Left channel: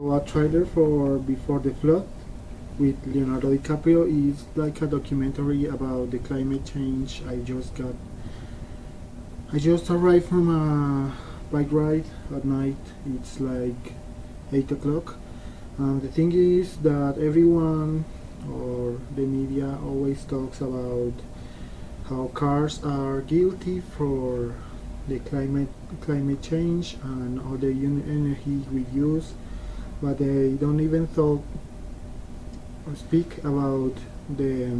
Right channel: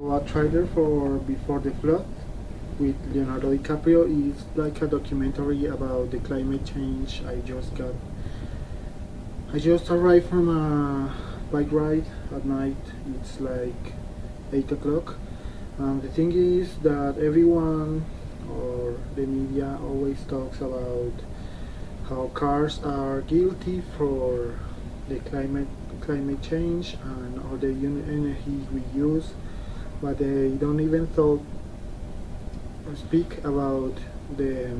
A trailer for Before the Flood with Leonardo DiCaprio is like a documentary about the climate change. I just arrived from a bike ride at night. It's like 8 o'clock. And the thing is that everyone or the media always talks about how cars are guilty for the climate change and all the energy we use, but they don't even talk or speak about the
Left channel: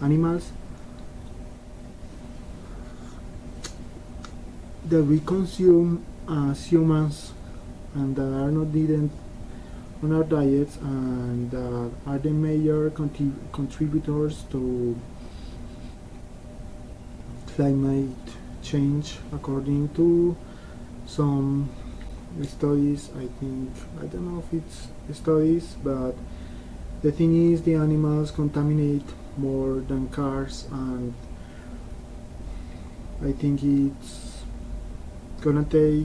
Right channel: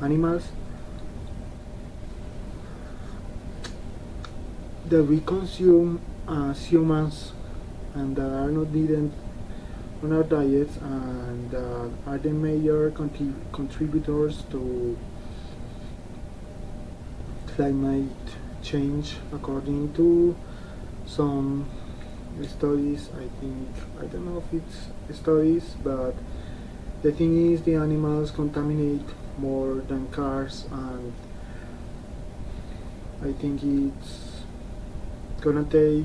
animals that we consume as humans and that are not needed on our diets and that are the major contributors to climate change according to some studies. I don't know if it's studies, but the thing is the animals contaminate more than cars, and I think it's gonna take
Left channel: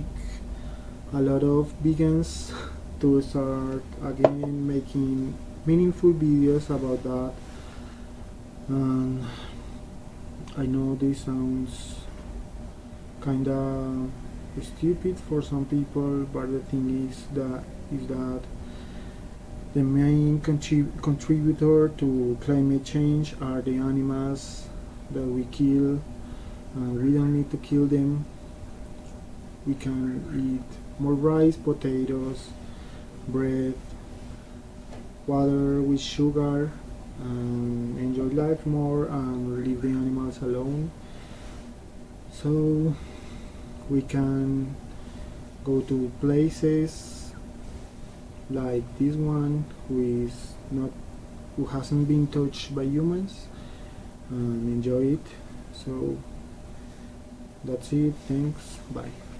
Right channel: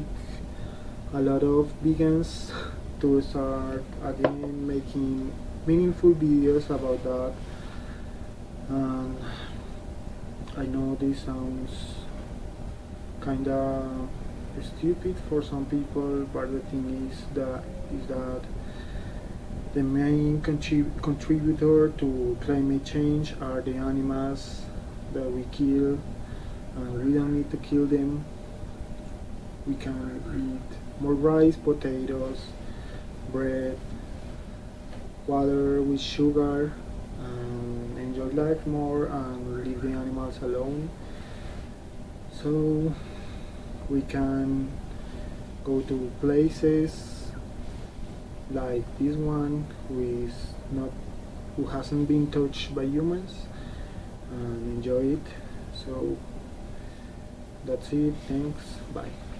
a lot of vegans to start again making meaningful videos about that. And I know this sounds kinda stupid for some people, but the thing is that the main contributor to climate change are the animals that we kill, and we don't need to kill them. We can eat more rice, potatoes, bread, water with sugar, and enjoy life more and leave the animals alone. So we can go to places like this one who hasn't been touched by humans and enjoy it. So that's it. Thanks. Bye.